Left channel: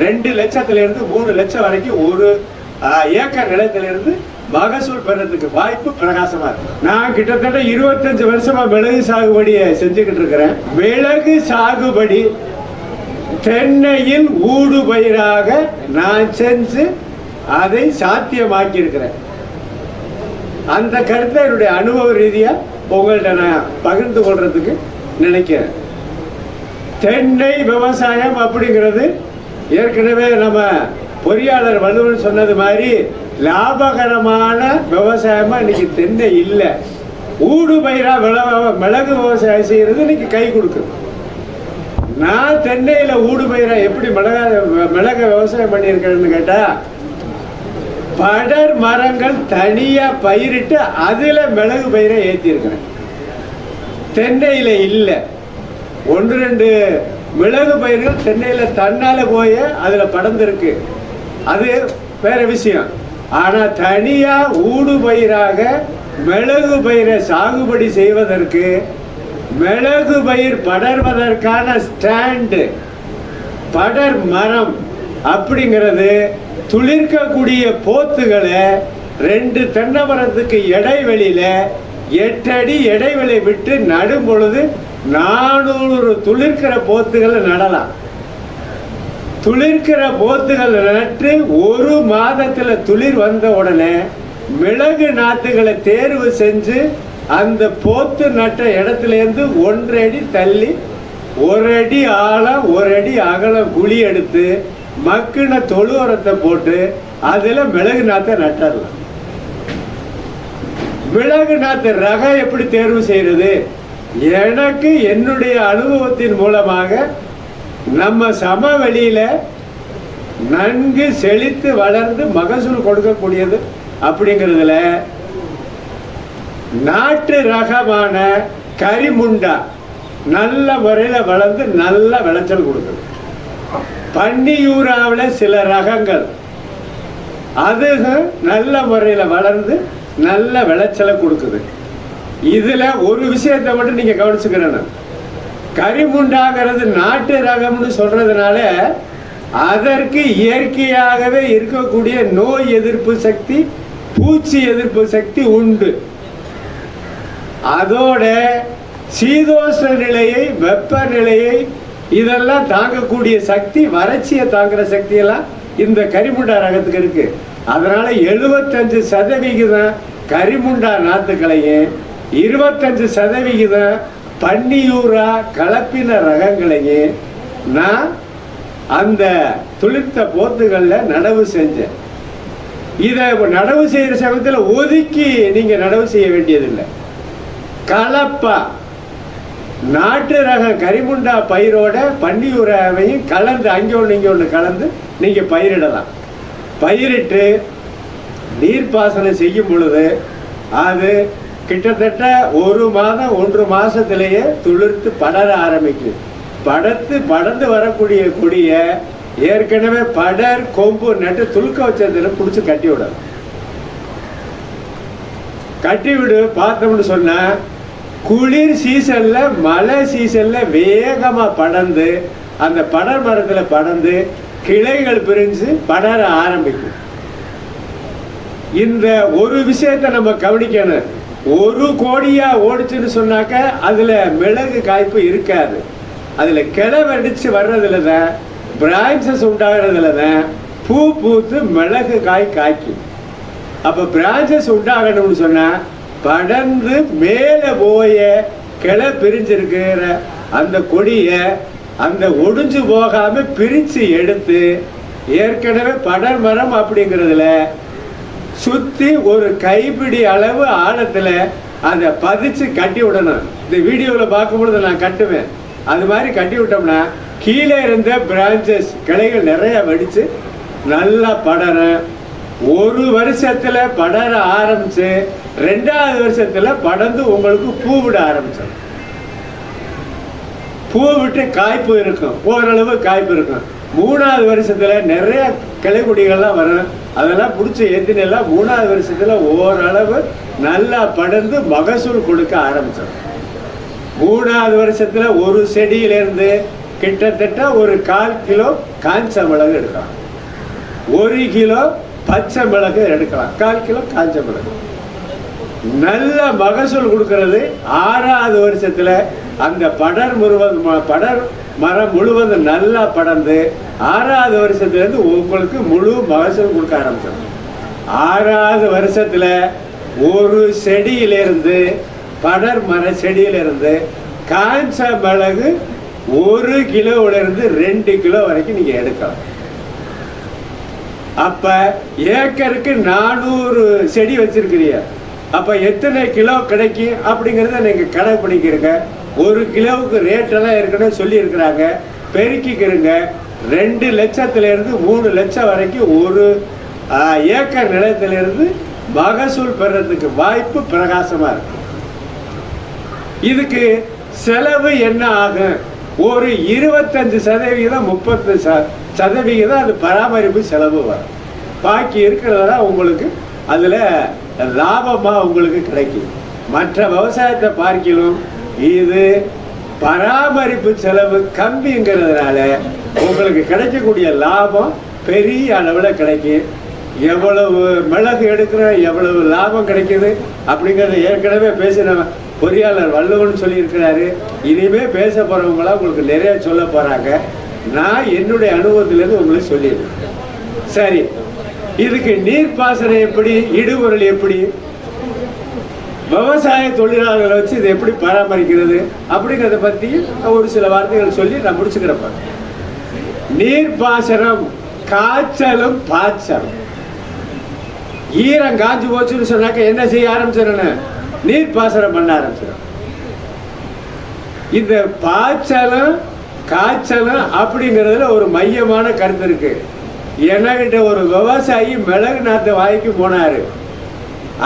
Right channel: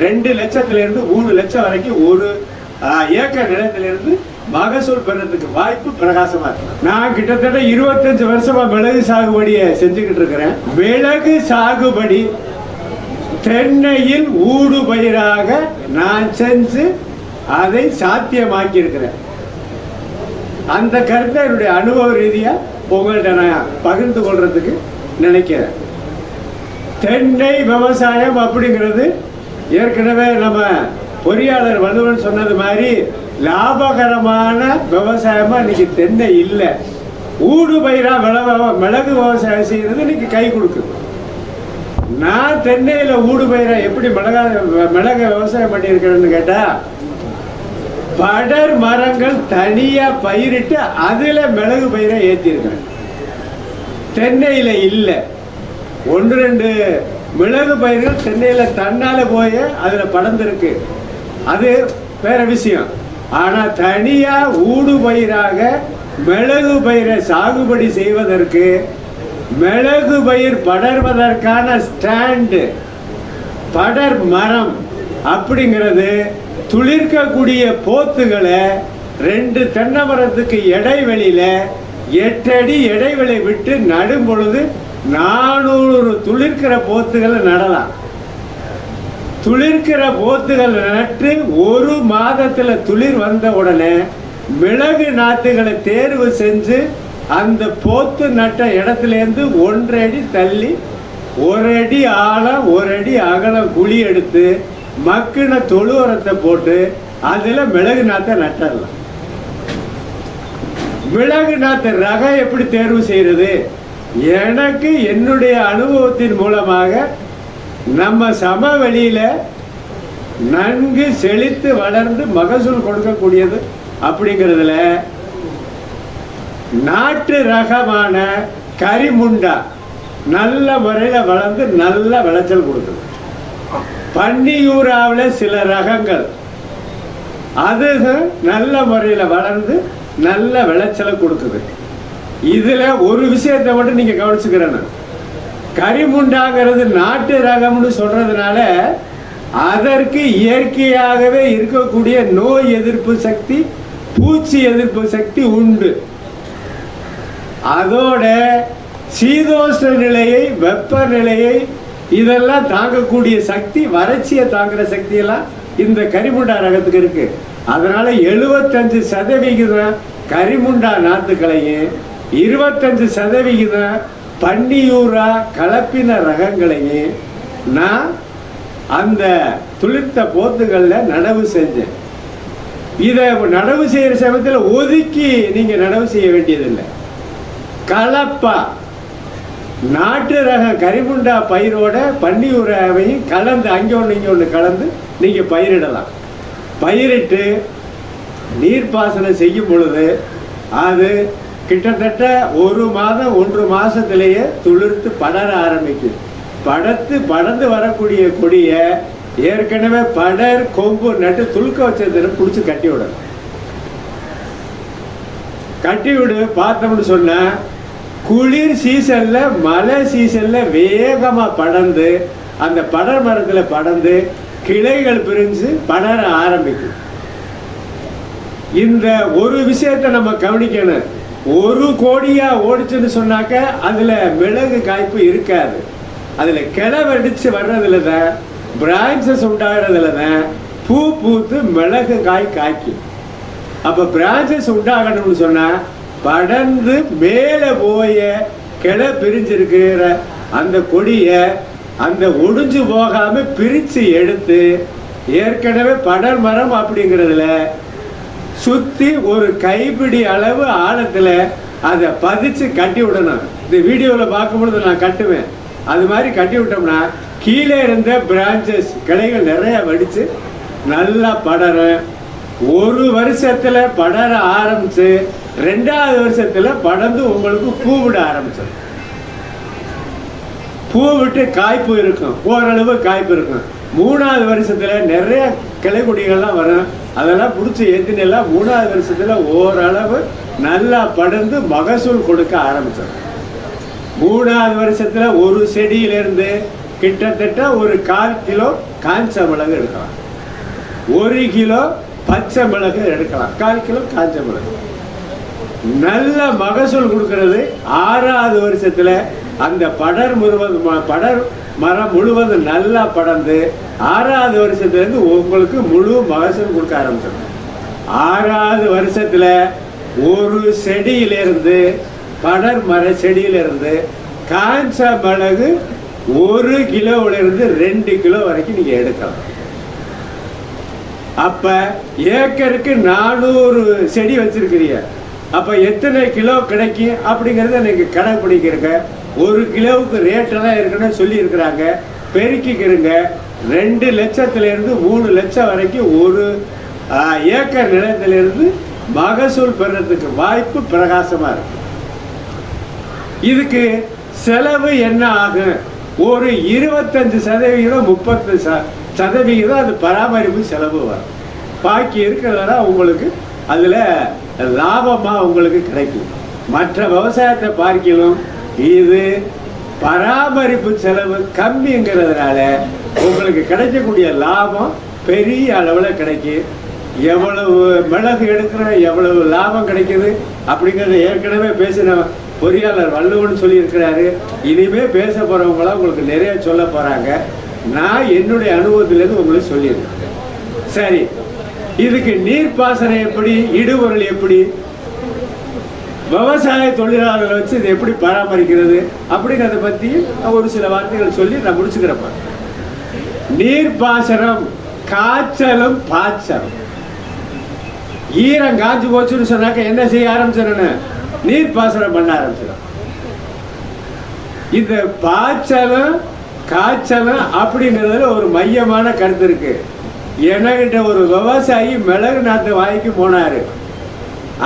ரெண்டு லட்சத்துல இருந்து மூணு லட்சம் வரைக்கும் ஒரு ஏக்கர் நிலத்திலிருந்து மகசூல் பெறதுக்கு வாய்ப்பு பிரகாசமா இருக்கு. நான் கிட்டத்தட்ட இருபத்தஞ்சு வருஷமா மிளகு சாகுபடியை செஞ்சுக்கிட்டு இருக்கிறேன். மிளகு சாகுபடி தென்னையில் ஊடு பயிராக நான் செஞ்சு அதை சாத்தியமாக்கி இருக்கிறேன் அந்த கருத்தை என்னுடைய அனுபவ ரீதியா உங்கள்கிட்ட நான் பகிர்ந்து கொள்றதுக்கு நினைக்கிறேன். தென்னை விவசாயம் அப்படிங்கிறது ஏற்கனவே நம்ம பொறியாளர் வலுவன் சொன்னது மாதிரி லாபகரமான விவசாயமா இன்னைக்கு தென்னை இல்லை. ஊடு பயிரா விளவ- மிளகு விவசாயம் செய்யறது இன்னைக்கு கை கொடுக்குது. நான் தென்னையில ஊடு பயிரா எப்படி மிளகா மிளக விவசாயம் பண்ணியிருக்கிறேன்னு கேட்டா படர் மரங்கள் தனியா பயிரிட்டு அதுல மிளகு பயிரை ஏற்றிருக்கிறேன் தென்னையில இல்லை. ஒன்று ரெண்டு மிளகு பயிர்கள் தென்னையில் தன்னால் போய் அதில் படர்ந்திருக்கு. அது வேற விஷயம். ஆனால் தனியாக ஊடு பயிராக மிளகு பயிரை சாகுபடி செய்வதற்கு மிளகு பயிர் படர்வதற்கான ஸ்டாண்டு. படர் மரம் அப்படிங்கிறது துளிர்க்கக்கூடிய போத்துகளை ரெண்டு தென்னை மரத்துக்கு இடைவெளியில் எட்டு அடி இடைவெளி விட்டு நடும் பொழுது நானூறு துளிர்க்கிற போத்துகளை நடலாம். துளிர்க்கிற போத்துகள் நட்டு ஒரு மாதத்தில் துளிர் வந்த உடனே மிளகு நாற்றுகளை தேர்வு செஞ்சு அந்த போத்து நட்ட இடத்துலேருந்து ஒன்றடி அடி தள்ளி ஒரு அடி ஆழம் ஒரு அடி அகலம் குழி எடுத்து மக்கின தொழு உரத்தை போட்டு அதில் மிளகு நாற்றை நட்டரலாம். மிளகு நாற்று ரகம் எப்படி தேர்வு செய்யறது? எனக்கு என்னுடைய அனுபவத்தின் மூலமாக நம்ம சமவெளியில் நன்கு செழித்து வளர்ந்து மகசூல் கொடுக்கக்கூடியது அப்படிங்கிறதுல நாட்டு ரகமான கரிமுண்டா நல்ல முறையில் வளர்ந்து நல்ல விளைச்சல் கொடுக்குது. பன்னியூராவில் சில ரகங்கள். அது நல்ல முறையில் வளர்ந்து நல்ல விளைச்சலை கொடுக்குது. இதுல ஒரு விஷயத்தை மட்டும் நீங்க கவனிச்சுக்கிறேன் கரிமுண்டாங்கிறது நாட்டு ரகம்னு சொல்றதுனால அதற்கு இயற்கையாகவே இருக்கக்கூடிய நோய் எதிர்ப்பு சக்தி பூச்சி எதிர்ப்பு சக்தி உண்டு. அதோட சீதோஷ்ண நிலையை வெப்பநிலையை இதெல்லாம் தாங்கக்கூடிய சக்தி வறட்சியை தாங்குற சக்தி எல்லாம் இந்த கரிமுண்டா ரகத்துக்கு இருக்கு. அதனால எழுபத்தஞ்சு சதவிகிதம் கரிமுண்டா நாத்துக்களையும் இருபத்தஞ்சு சதவிகிதம் பன்னியூரா கலப்பின ரகங்களையும் நான் அந்த துளிர்த்த போத்துகளில் நடவு செஞ்சேன். இதை நடவு செய்கிற சமயத்தில் ஒதுக்கி நீங்கள் நடவு செய்ய வேண்டியதில்லை. கலப்பா. நாட்டு ரக கரிமுண்டா பயிரோட பன்னியூராவையும் கலந்து அங்கே ஒன்று இங்கே ஒன்று கலந்து நீங்கள் பயிரிடலாம். பயிரிட்டு நீர்ப்பாசனம் செய்யும் பொழுது அது கிட்டத்தட்ட ஒரு மாதம் ஒன்று மாசத்திலேயே துளிர்த்து படர ஆரம்பிக்கும் படத்து படர்ந்து வரக்கூடிய கொடியை ஏற்கனவே படர் கொம்பு நட்டு துளுக்க வச்சதுல புடிச்சு கட்டி விடும் கட்டி விடு பார்த்தோம்னு சொன்னா குளிர் சீசன்ல மழை சீசன்ல வேகமா படர்ந்து அந்த படர் மரத்துல படர்ந்து கிளைகள் பிரிஞ்சு படர ஆரம்பிக்கும். இந்த ஒரு விஷயத்தை நம்ம கவனிக்கணும். ஒரு கோடியாக ஓடிச்சுன்னு சொன்னாக்க அதில் மிளகு காய்ப்பு இருக்காது. அதில் கிளை வெடிச்சு வர்றதுல தான் பிரான்சஸ் உண்டாகிறதுல தான் பூ பூத்து மிளகு காய் காய்க்கும். அப்போ பிரான்சஸ் உண்டாகணும்னு சொன்னால் படர்ந்து மேலே போய கிளை பிரிஞ்சிருக்கிற அந்த கொடியை அந்த ஒடிஞ்சு போகாமல் பிரித்து எடுத்து ஏற்கனவே படர் மரம் அப்படிங்கிறதுல சுத்தி ஒரு கைப்பிடி அளவு ஆழத்துல அதை பதிச்சு கட்டி விடணும். இந்த வீடியோல பார்க்கும்பொழுது நான் கட்டுவேன். அது மாதிரி கட்டி விட்டோம்னா கீழே இருந்த பிரான்ச்சஸ் கிளைகள் நிறைய வடிச்சு நல்லா படரும் ஒரு வருஷத்துல படர ஆரம்பிச்சு ரெண்டாவது வருஷத்துல படர்ந்து உங்களுக்கு பூ விட ஆரம்பிச்சிடும். பூ விட்டு காய்ப்பு இருக்கும். ஓரளவு காய்ப்பு இருக்கும். மூணாவது வருஷத்தில் நிறைய கிளை கொடிகள்லாம் வரும் அதெல்லாம் பிடிச்சி ஏத்தினெல்லாம் மூணாவது வருஷத்தில் ஓரளவு நல்லா படர்ந்து மகசூல் கொடுக்க ஆரம்பிச்சிடும் மூணாவது வருஷத்தில் ஒரு செடியிலேருந்து கிட்டத்தட்ட ஒரு கால் கிலோ காஞ்ச மிளகு எடுக்கலாம். ஒரு கிலோ பச்சை மிளகு எடுக்கலாம். கால் கிலோ காஞ்ச மிளகு. நல்ல மகசூல் கொடுக்கறது ஆறாவது வருஷத்தில் அந்த படர் முழுவதும் ம- படர் மரம் முழுவதும் நல்லா படர்ந்து ஆறாவது வருஷத்துல இருந்து உங்களுக்கு முழு மகசூல் கொடுக்க ஆரம்பிச்சிடும் ஆறாவது வருஷத்துல ஒரு செடியிலிருந்து படர் மர செடியிலிருந்து காஞ்ச மிளகு ஒரு கிலோவிலிருந்து ரெண்டு கிலோ வரைக்கும் நீங்க எடுக்கலாம். அப்ப ஏக்கருக்கு நானூறு செடி வச்சிருக்கிறீங்க. அப்ப எத்தனை கிலோ கிடைக்கும் அப்படிங்கறத நீங்க கடைப்பிடிக்கிறீங்க. ஒரு கிலோவுக்கு ரேட்டெல்லாம் இருக்குன்னு சொல்லி இருக்கிறாங்க பெருக்கிக்கிறீங்க ரெண்டு லட்சத்திலிருந்து மூணு லட்சம் வரைக்கும் ஒரு ஏக்கர் நிலத்திலிருந்து மகசூல் பெறத்துக்கு வாய்ப்பு பிரகாசமாக இருக்கு. இதுக்கு செலவு என்ன ஆகும்? ஒரு இருபத்தஞ்சு சதவிகிதம் முப்பத்து ச- சதவிகிதம் அது பராமரிப்பு செலவு வரும். பாக்கி இருக்கிறதா உங்களுக்கு அதில் லாபமாக உங்களுக்கு கிடைக்கும். மற்ற விவசாயத்தை பார்க்கணும். இது பராமரிப்பு செலவு கம்மிங்கிறதுனால உங்களுக்கு கிடைக்கக்கூடிய லாபம் பெரிய அளவில் கிடைக்கும் எவ்வளவு மிளகு எடுக்கிறோம் எவ்வளவு லாபம் கிடைக்குது அப்படிங்கிறத ஏற்கனவே பேசின பொறியாளர் வள்ளுவன் சொல்லியிருக்கிறாரு. இனிமே பேச போகிறவங்களாம் உங்களுக்கு நிறைய சொல்ல போகிறாங்க நான் என்னுடைய அனுபவத்திலேருந்து உங்களுக்கு சொல்லியிருக்கேன். சரி இதுக்கு நீர்ப்பாசனம் எப்படி இடுபொருள் எப்படி? விவசாய தொழிலாளர்களை வச்சு இதை எப்படி பராமரிக்கிறது அப்படிங்கிறத பற்றி ஒரு சில வார்த்தைகள் சொல்லி நான் முடிச்சுக்கிறப்பேன் நீர்ப்பாசனம் காய்ச்சலும் பாய்ச்சலும். ஈரம் காஞ்சு போச்சுன்னு சொன்னாக்க என்ன செய்ய ஆரம்பிச்சிடணும்? நீர் பாசனம் பண்ண ஆரம்பிச்சிடும். இந்த பாய்ச்சலும் காய்ச்சலும் அப்படிங்கிறதுல ஒரு மையமான கருத்து இருக்கு. என்கிட்ட ஒரு விவசாயி மிளகு நாத்து வாய்க்கு போனாரு.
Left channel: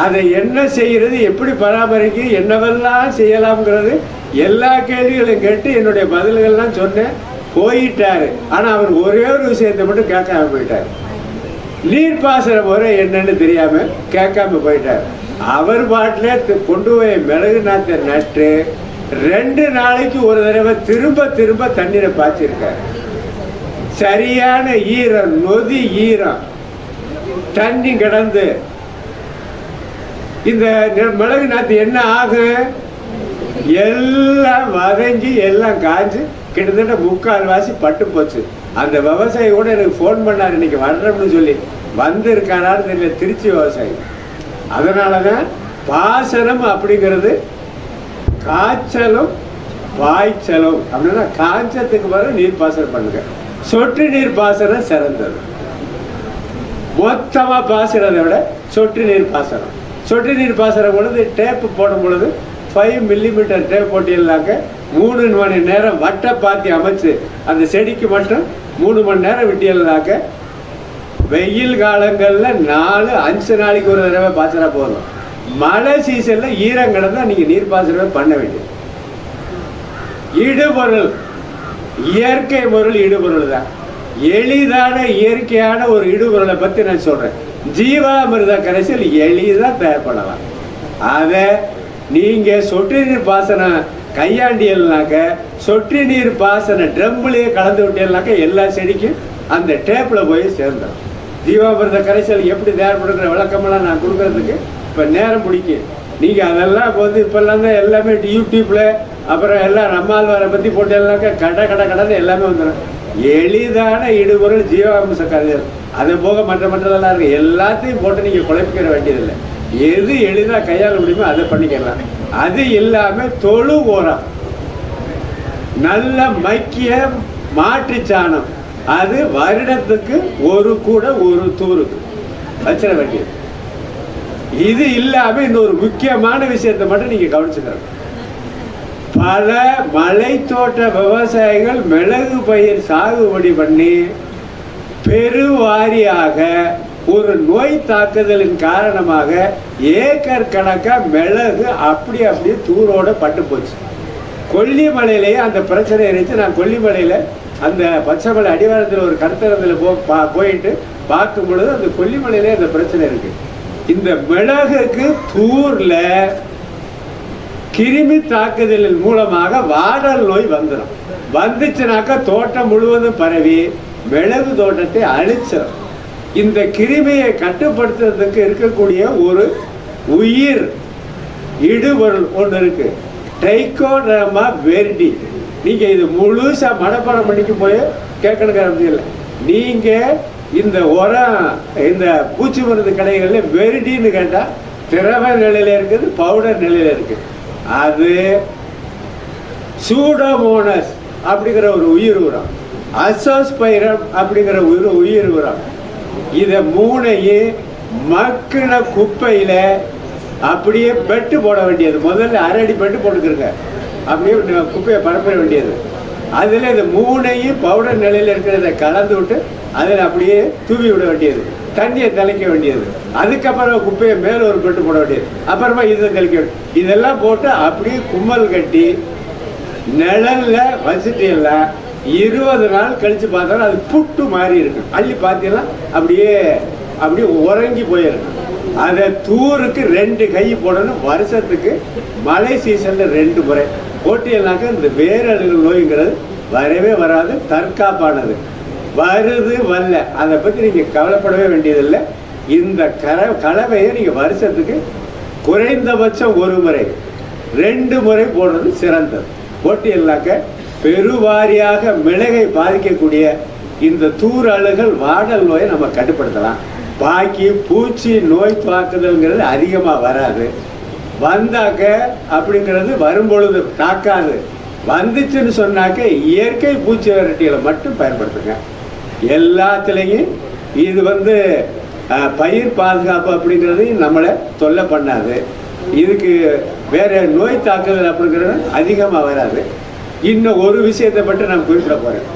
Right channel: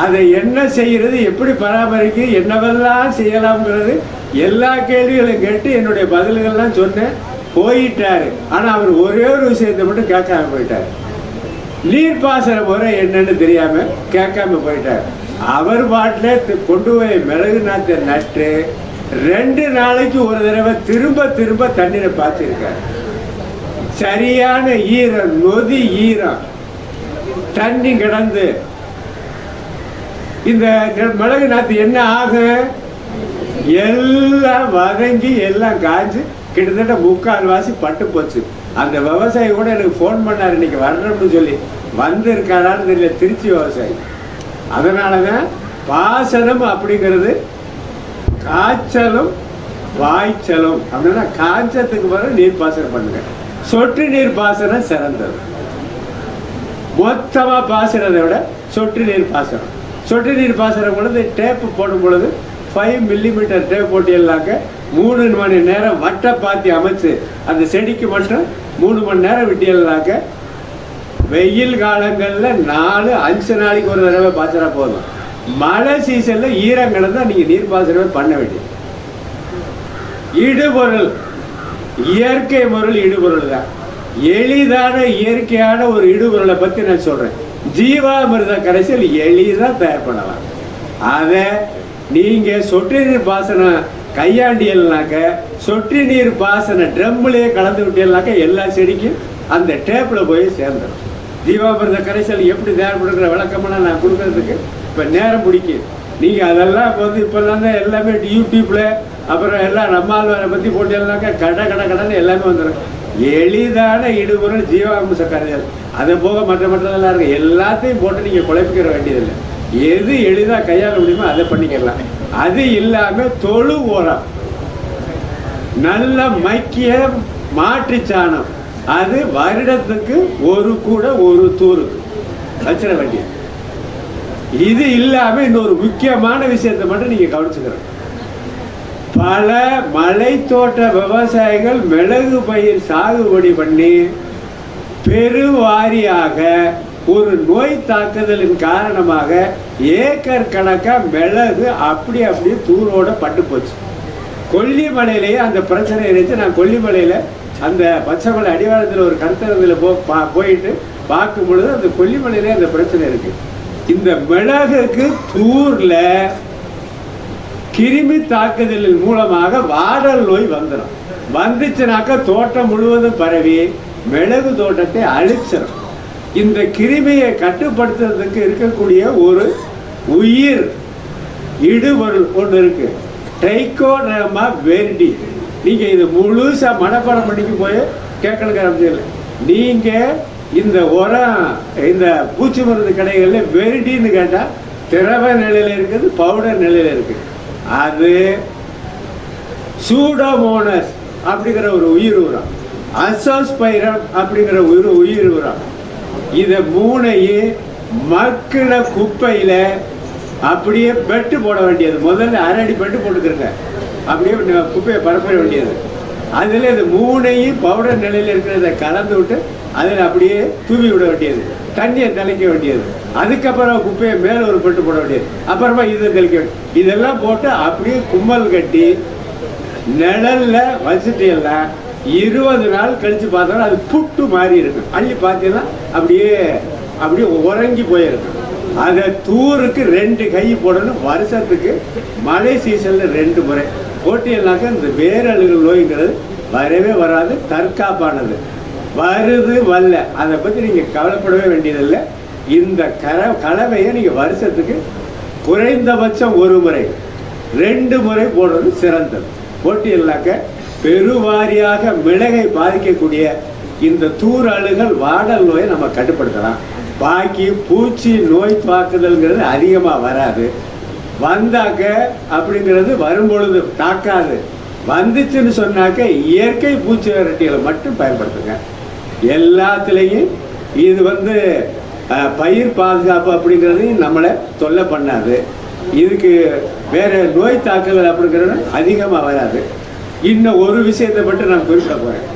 அதை என்ன செய்யறது எப்படி பராமரிக்க என்னவெல்லாம் செய்யலாம்ங்கிறது எல்லா கேள்விகளையும் கேட்டு என்னுடைய பதில்கள்லாம் சொன்னேன். போயிட்டாரு. ஆனா அவர் ஒரே ஒரு விஷயத்தை மட்டும் கேட்காம போயிட்டார். நீர் பாசன முறை என்னன்னு தெரியாம கேட்காம போயிட்டார். அவர் பாட்டிலே கொண்டு போய் மிளகு நாத்த நட்டு ரெண்டு நாளைக்கு ஒரு தடவை திரும்ப திரும்ப தண்ணீரை பாய்ச்சிருக்காரு. சரியான ஈரம் நொதி ஈரம். தண்ணி கிடந்து. இந்த மிளகு நாத்து என்ன ஆகும் எல்லாம் வதங்கி எல்லாம் காஞ்சு கிட்டத்தட்ட முக்கால் வாசி பட்டு போச்சு. அந்த விவசாயி கூட எனக்கு ஃபோன் பண்ணார் இன்னைக்கு வர்றோம்னு சொல்லி. வந்திருக்கானான்னு தெரியல திருச்சி விவசாயி. அதனாலதான் பாசனம் அப்படிங்கிறது காய்ச்சலும் வாய்ச்சலும் அப்படின்னா காய்ச்சத்துக்கு பிறகு நீர் பாசனம் பண்ணுங்க. சொட்டு நீர் பாசனம் சிறந்தது. மொத்தமாக பாசனதை விட சொட்டு நீர் பாசனம். சொட்டு நீர் பாசனம் பொழுது டேப்பு போடும் பொழுது ஃபைவ் மில்லிமீட்டர் டேப் போட்டியெல்லாங்க மூணு மணி நேரம் வட்ட பாத்தி அமைச்சு அந்த செடிக்கு மட்டும் மூணு மணி நேரம் விட்டியல்லாக்க வெயில் காலங்களில் நாலு அஞ்சு நாளைக்கு ஒரு தடவை பாய்ச்சறா போதும். மழை சீசனில் ஈரங்களை தான் நீங்கள் நீர் பாசனமே பண்ண வேண்டியது. இடுபொருள். இயற்கை பொருள் இடுபொருள் தான். எளிதான இயற்கையான ஒரு இடுபொருளை பற்றி நான் சொல்கிறேன் ஜீவாமிர்த கரைசல் எளிதாக பெறப்படலாம். அதை நீங்கள் சொட்டு நீர் பாசனம் கையாண்டியல்னாக்க சொட்டு நீர் பாசன ட்ரம்லேயே கலந்து விட்டீங்கன்னாக்க எல்லா செடிக்கும் அந்த டேப்பில் போய் சேர்ந்துடும் ஜீவாமிர்த கரைசல் எப்படி தேவைப்படுங்கிற விளக்கமெல்லாம் நான் கொடுக்குறதுக்கு இப்போ நேரம் பிடிக்கும் நீங்கள் அதெல்லாம் இப்போ வந்து இப்போல்லாம் தான் எல்லாமே யூடியூப்பில் அப்புறம் எல்லாம் நம்மால் பற்றி பத்தி போட்டேன்னாக்க கடை கடை கடைன்னு எல்லாமே வந்துடும் எளிதான இடுபொருள் ஜீவாமிர்த கரைசல். அது போக மற்ற மற்றதெல்லாம் இருக்கு. எல்லாத்தையும் போட்டு நீங்கள் குழப்பிக்கிற வேண்டியதில்லை. எது எளிதாக கையாள முடியுமோ அதை பண்ணிக்கலாம் அது இல்லாமல் தொழு உரம் நல்ல மக்கிய மாட்டு சாணம். அது வருடத்துக்கு ஒரு கூட ஒரு தூரு வச்சிட வேண்டியது. இது இல்லாமல் இன்னொரு முக்கியமான விஷயத்தை மட்டும் நீங்கள் கவனிச்சுக்கிறோம் பல மலைத்தோட்ட விவசாயிகள் மிளகு பயிர் சாகுபடி பண்ணி பெருவாரியாக ஒரு நோய் தாக்குதலின் காரணமாக ஏக்கர் கணக்காக மிளகு அப்படி அப்படியே தூரோட பட்டு போச்சு. கொல்லிமலையிலேயே அந்த பிரச்சனை இருந்துச்சு. நான் கொல்லிமலையில் அந்த பச்சைமலை அடிவாரத்தில் ஒரு கருத்தரத்தில் போ பா- போயிட்டு பார்க்கும் பொழுது அந்த கொல்லிமலையிலே அந்த பிரச்சனை இருக்கு. இந்த மிளகுக்கு தூரில் கிருமி தாக்குதலின் மூலமாக வாடல் நோய் வந்துடும் வந்துச்சுனாக்கா தோட்டம் முழுவதும் பரவி மிளகு தோட்டத்தை அழிச்சிடும் இந்த கிருமியை கட்டுப்படுத்துறதுக்கு இருக்கக்கூடிய ஒரு உயிர் இடுபொருள் ஒன்று இருக்கு. ட்ரைகோடர்மா வெர்டி நீங்க இது முழுசா மனப்பாடம் பண்ணிக்க போய் கேட்கணுங்கிற அவசியம் நீங்கள் நீங்க இந்த உரம் இந்த பூச்சி மருந்து கடைகள்ல வெரிடின்னு கேட்டா திரவ நிலையில இருக்குது பவுடர் நிலையில இருக்கு. அது சூடோமோனஸ் அப்படிங்கிற ஒரு உயிர் உரம். அசோஸ்பைரம் அப்படிங்கிற ஒரு உயிர் உரம். இதை மூணையும் மக்கின குப்பையில அப்படியே பெட்டு போட வேண்டியது. முதல்ல அரை பெட்டு போட்டுக்கிறங்க அப்படியே குப்பையை பரப்பிட வேண்டியது. அதில் இந்த மூணையும் பவுடர் நிலையில் இருக்கிறத கலந்து விட்டு அதில் அப்படியே தூவி விட வேண்டியது. தண்ணியை தெளிக்க வேண்டியது. அதுக்கப்புறம் குப்பையை மேலே ஒரு பெட்டு போட வேண்டியது. அப்புறமா இதை தெளிக்க வேண்டியது. இதெல்லாம் போட்டு அப்படியே கும்மல் கட்டி நிழல்ல வச்சுட்டீங்கன்னா இருபது நாள் கழிச்சு பார்த்தாலும் அது புட்டு மாதிரி இருக்கு. அள்ளி பார்த்தீங்கன்னா அப்படியே அப்படியே உறங்கி போயிருக்கும் அதை தூருக்கு ரெண்டு கை போடணும். வருஷத்துக்கு மழை சீசன்ல ரெண்டு முறை. போட்டியல்னாக்க இந்த வேரழுகு நோய்ங்கிறது வரவே வராது தற்காப்பானது. வருது வரல. அதை பற்றி நீங்கள் கவலைப்படவே வேண்டியதில்லை. இந்த கல கலவையை நீங்கள் வருஷத்துக்கு குறைந்தபட்சம் ஒரு முறை ரெண்டு முறை போடுறது சிறந்தது. போட்டியல்னாக்க பெருவாரியாக மிளகை பாதிக்கக்கூடிய இந்த தூராளுகள் வாடல் நோயை நம்ம கட்டுப்படுத்தலாம். பாக்கி பூச்சி நோய் தாக்குதல்ங்கிறது அதிகமாக வராது. வந்தாக்க அப்படிங்கிறது வரும்பொழுது தாக்காது. வந்துச்சுன்னு சொன்னாக்க இயற்கை பூச்சி விரட்டிகளை மட்டும் பயன்படுத்துங்க. எல்லாத்துலேயும் இது வந்து பயிர் பாதுகாப்பு அப்படிங்கிறதையும் நம்மளை தொல்லை பண்ணாது. இதுக்கு வேறு நோய் தாக்குதல் அப்படிங்கிறது அதிகமாக வராது. இன்னும் ஒரு விஷயத்தை மட்டும் நான் குறிப்பிட போறேன்.